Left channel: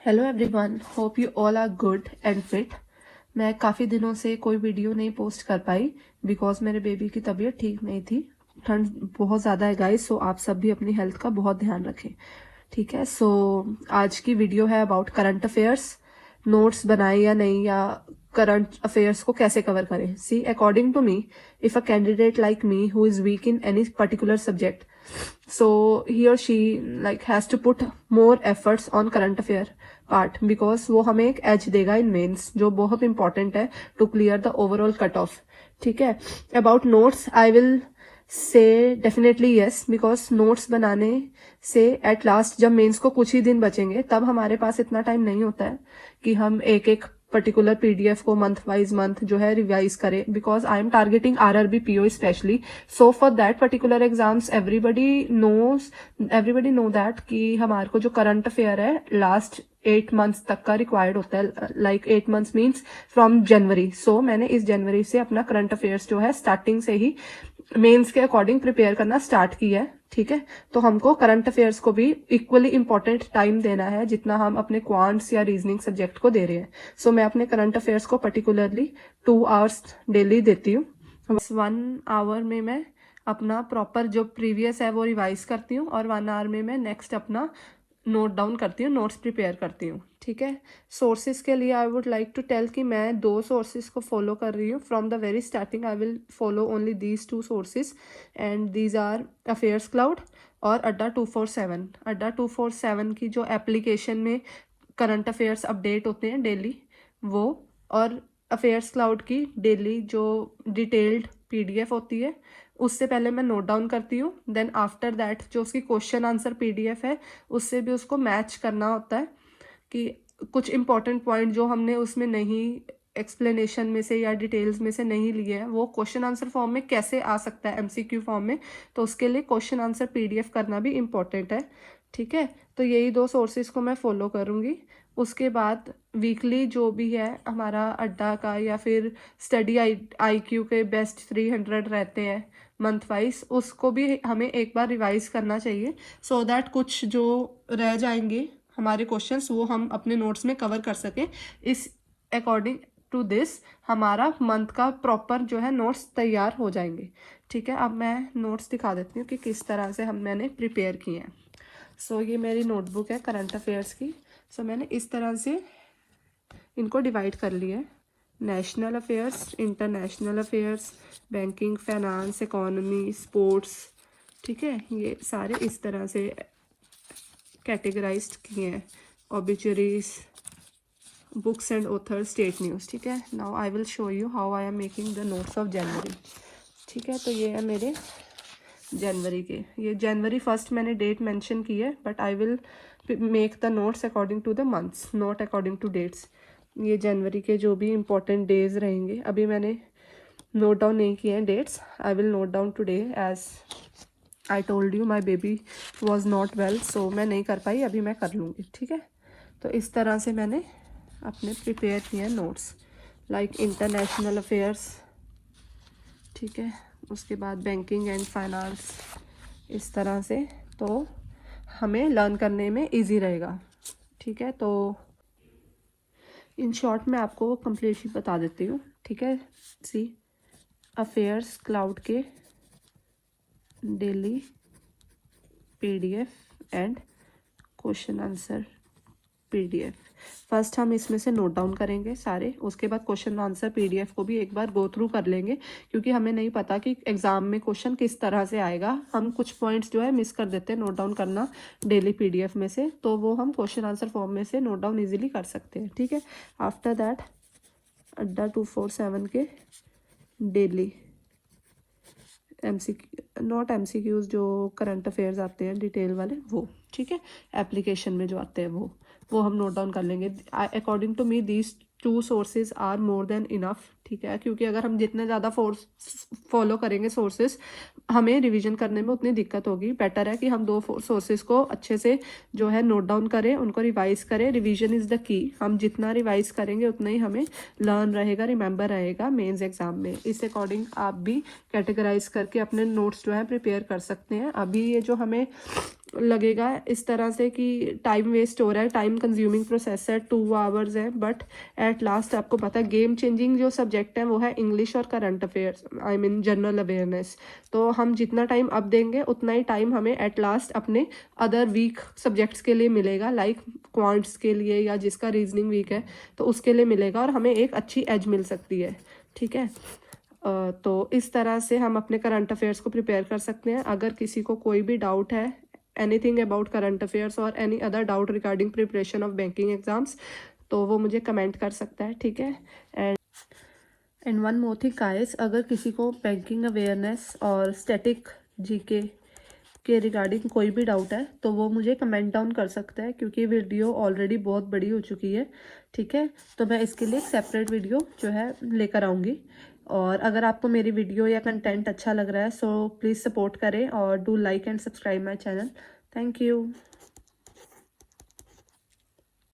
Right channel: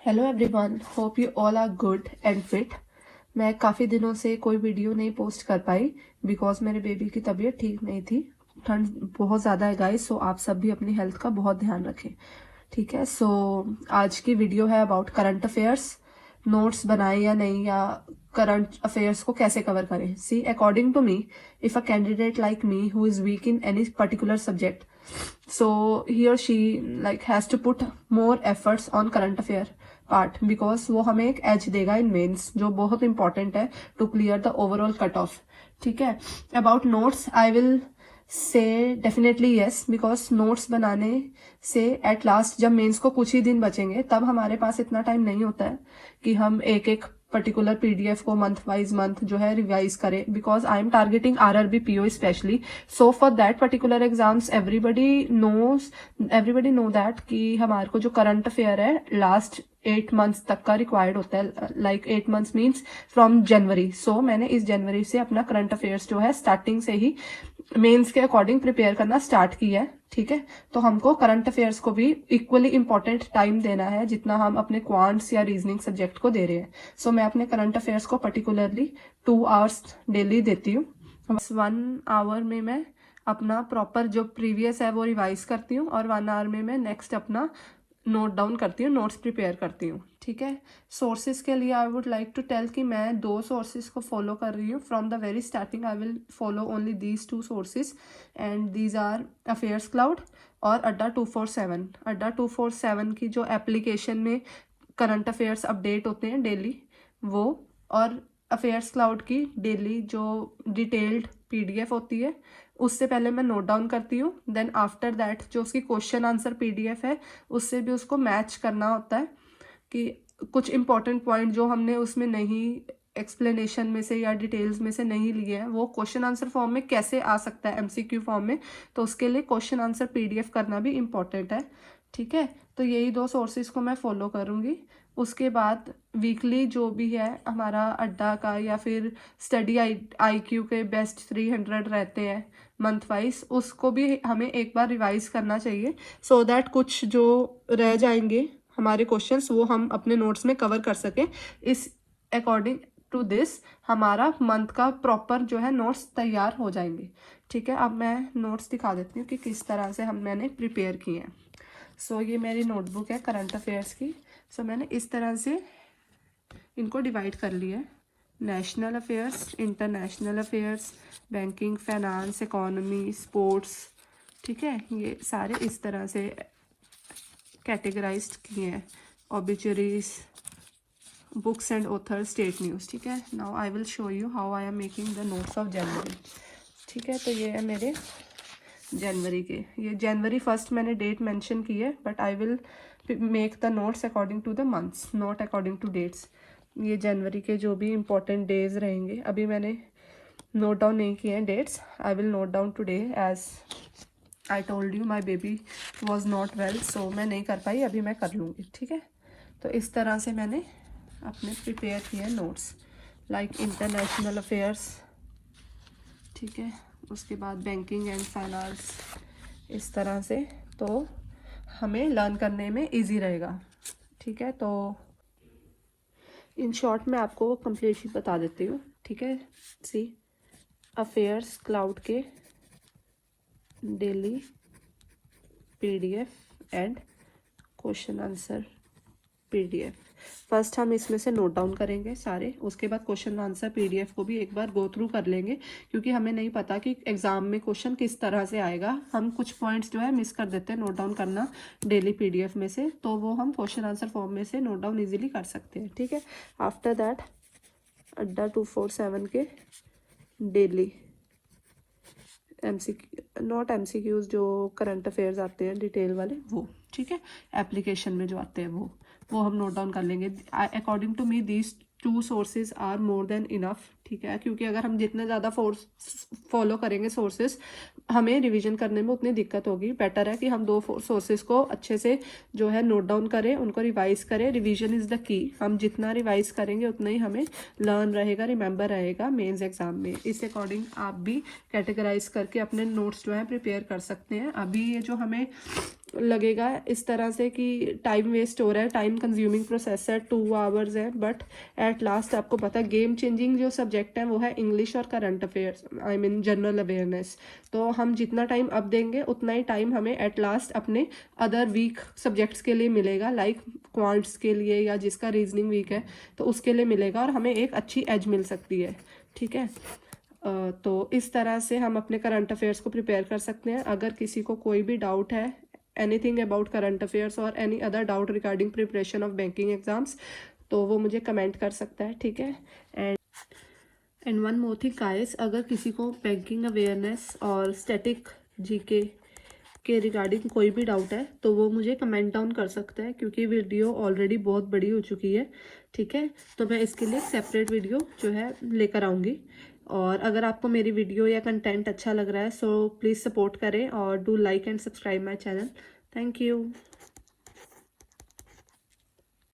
Hello everyone, hope you all are good and fit. मैं काफ़ी दिनों से कोई वीडियो नहीं पोस्ट कर पाई बिकॉज मेरे बेबी की तबीयत ठीक नहीं थी। ठंड बहुत ज़्यादा है गाइस, सो आप सब भी अपनी हेल्थ का बहुत ध्यान रखें, ठीक है। सो आज की वीडियो है अबाउट करंट अफेयर्स। नोट्स बनाए या नहीं, या करंट अफेयर्स को कैसे कवर करें। See, according to me, if a candidate like me who is weak in any particular subject, so he or she like has to put more efforts on current affair part because वो हमें एक as देगा in men's, जो बहुत important है to clear the overall cut off, ठीक है। About notes I will say definitely yes, because notes बनाने से एट लास्ट जब मेंस को कुछ ही दिन बचेंगे तब हमारे पास इतना टाइम नहीं होता है कि हम एक एक पर्टिकुलर पीडीएफ को मंथ वाइज मंथ जो है रिवाइज करें, because I am targeting RRB PO specially. So for that particular exams everybody know that कि हमारे को जो करंट अफेयर है लास्ट 8 मंथ्स तक का रिक्वायर्ड होता है, like 8 months means from January. So मैंने इस जनवरी से अपना करंट अफेयर्स जो है स्टार्टिंग से ही मेंस के अकॉर्डिंग प्रिपेयर करना स्टार्ट किया है, ठीक है। तो हमको करंट अफेयर्स को भी इक्वली इंपॉर्टेंट टाइम देना है जितना हम अपने क्वांट्स या रीजनिंग सब्जेक्ट को दे रहे हैं। सो मैं अपने करंट अफेयर्स को पर्टिकुलरली 2 आवर्स डेली देती हूँ। बस 1 आवर में मैं अपना प्रॉपर जो प्रीवियस है वो रिवाइज करती हूँ और 1 आवर में मैं नेक्स्ट अपना नोट डाउन करती हूँ, नोट्स प्रिपेयर करती हूँ, ठीक है। सोर्सेज के लिए I would like to tell कि मैं 2 सोर्सेज को फॉलो कर रही हूँ from the very starting. I will follow only these 2 sources and these are affairs cloud और अड्डा 247। अड्डा 247 की जो एप्लीकेशन में करंट अफेयर्स अपडेट होते हैं डेली वो, और अफेयर्स क्लाउड की डेली जो डिटेल्ड पीडीएफ होती है उससे पहले मैं नोट डाउन करती हूँ। देन आफ्टर दैट जो उसकी क्वेश्चन आंसर पीडीएफ है उससे भी उसको मैच करना होता है कि कुछ इंपॉर्टेंट पॉइंट जो हमने उसमें नहीं एक्सप्लेनेशन में से या डिटेल्स में से नहीं लिए हैं वो क्वेश्चन आंसर फॉर्म में कैसे आ सकता है, एमसीक्यू फॉर्म में। तो उसके लिए क्वेश्चन आंसर पीडीएफ करना भी इम्पॉर्टेंट है, ठीक है। तो यही 2 सोर्सेज को मैं फॉलो करूँगी। उसके बाद वीकली जो भी है हमारा अड्डा का या फिर स्टडी आईक्यू के बेस्ट 300 रहते हैं मंथ वाइज, उसको भी हमें एक बार रिवाइज करना चाहिए सो दैट कुछ जो रह जाएंगे हमारे क्वेश्चंस वो हम अपने नोट्स में कवर कर सकें। इस अकॉर्डिंग टू दिस हमारा मंथ का प्रॉपर जो है नोट्स तैयार हो जाएंगे, ठीक है। अब मैं नोट्स दिखा देती हूँ कि किस तरह से मैंने प्रिपेयर किए हैं। सो ये मेरी नोटबुक है करंट अफेयर्स की। सो मैंने इस तरह से इनको डिवाइड कर लिया है, national affairs, international affairs, banking, finance, economy, sports, ठीक है। ये सारे इस तरह से कैटेगराइज्ड किए हैं। Obituaries, books and author, state news, ठीक है। Now I will show you how I am making the notes of January, ठीक है। तो ये है मेरे जनवरी के, ये जनवरी 1 मैंने डेट मेंशन की है, but I will make the notes according to the months, not according to dates. ये जनवरी के जो भी इम्पोर्टेंट डेज रहेंगे, अभी मैंने नोट डाउन नहीं किए हैं dates. I will note down today as I told you my baby was not well, so मैं नहीं कर पाई, अभी मैं कर लूँगी, ठीक है। तो इस तरह से मैंने अपने प्रिपेयर किए हैं नोट्स, लाइक इंटरनेशनल अफेयर्स, ठीक है। उसके बाद बैंकिंग एंड फाइनेंस, इस तरह से, तो हमें लर्न करने में इजी रहेगा, ठीक है। तो इन शॉर्ट मैं आपको कंप्लीटली बता देती हूँ, ठीक है। सी, अफेयर्स क्लाउड के daily PDF and question answer PDF, first हम इसमें से नोट डाउन करेंगे सारे, उसके बाद क्वेश्चन आंसर पीडीएफ को भी एक बार गो थ्रू कर लेंगे क्योंकि हमें नहीं पता कि एग्जाम में क्वेश्चन किस तरह से आएगा। हम कुछ पॉइंट्स जो है मिस कर देते हैं नोट डाउन करना डेली पीडीएफ में से, तो वो हम क्वेश्चन आंसर फॉर्म में से नोट डाउन इजीली कर सकते हैं, ठीक है। आफ्टर दैट अड्डा 247 के डेली नॉट एमसीक्यूज जो करंट अफेयर्स आते हैं डिटेल वाले वो, ठीक है, एप्लीकेशन में जो आते हैं वो हम नोट डाउन कर लेंगे। According to me these 2 sources are more than enough, ठीक है, क्योंकि अगर हम जितने ज़्यादा फॉलो करेंगे सोर्सेज, हमें रिवीजन करने में उतनी दिक्कत होगी। बेटर है कि हम 2 सोर्सेज को अच्छे से जो है नोट डाउन करें, उनको रिवाइज करें। Revision is the key. हम जितना रिवाइज करेंगे उतना ही हमें लर्न रहेगा, रिमेंबर रहेगा मेंस एग्जाम में। इस अकॉर्डिंग आप भी कैटेगराइज करके अपने नोट्स जो है प्रिपेयर कर सकते हैं। अभी ये जो हमें लगेगा इस तरह से कि टाइम वेस्ट हो रहा है, टाइम कंज्यूमिंग प्रोसेस है, 2 आवर्स है, बट एट लास्ट आपको पता है गेम चेंजिंग जो सब्जेक्ट है वो है इंग्लिश और current affairs, I mean general awareness. तो हम जितना टाइम अब देंगे उतना ही टाइम हमें एट लास्ट अपने अदर वीक सब्जेक्ट्स के लिए मिलेगा, लाइक क्वांट्स के लिए या जिसका रीजनिंग वीक है तो उसके लिए मिलेगा, और हमें एक अच्छी एज मिल सकती है, ठीक है। तो इस तरह से हम अपने करंट अफेयर्स को प्रिपेयर कर सकते हैं। अगर किसी को कोई भी डाउट है anything about current affairs or any other doubt regarding preparation of banking exams, तो वो मुझे कमेंट कर सकता है, ठीक है। And one more thing guys, अगर किसी को बैंकिंग अवेयरनेस और स्टैटिक जीके के रिगार्डिंग कोई भी डाउट है तो वो मुझे कमेंट डाउन कर सकता है, क्योंकि वीडियो ऑलरेडी बहुत बड़ी हो चुकी है, ठीक है। तो मैं इसके लिए सेपरेट वीडियो जो है लेकर आऊँगी। और अगर आपको मेरी वीडियो या कंटेंट अच्छा लग रहा है सो प्लीज़ सपोर्ट करें और do like and subscribe my channel. Thank you.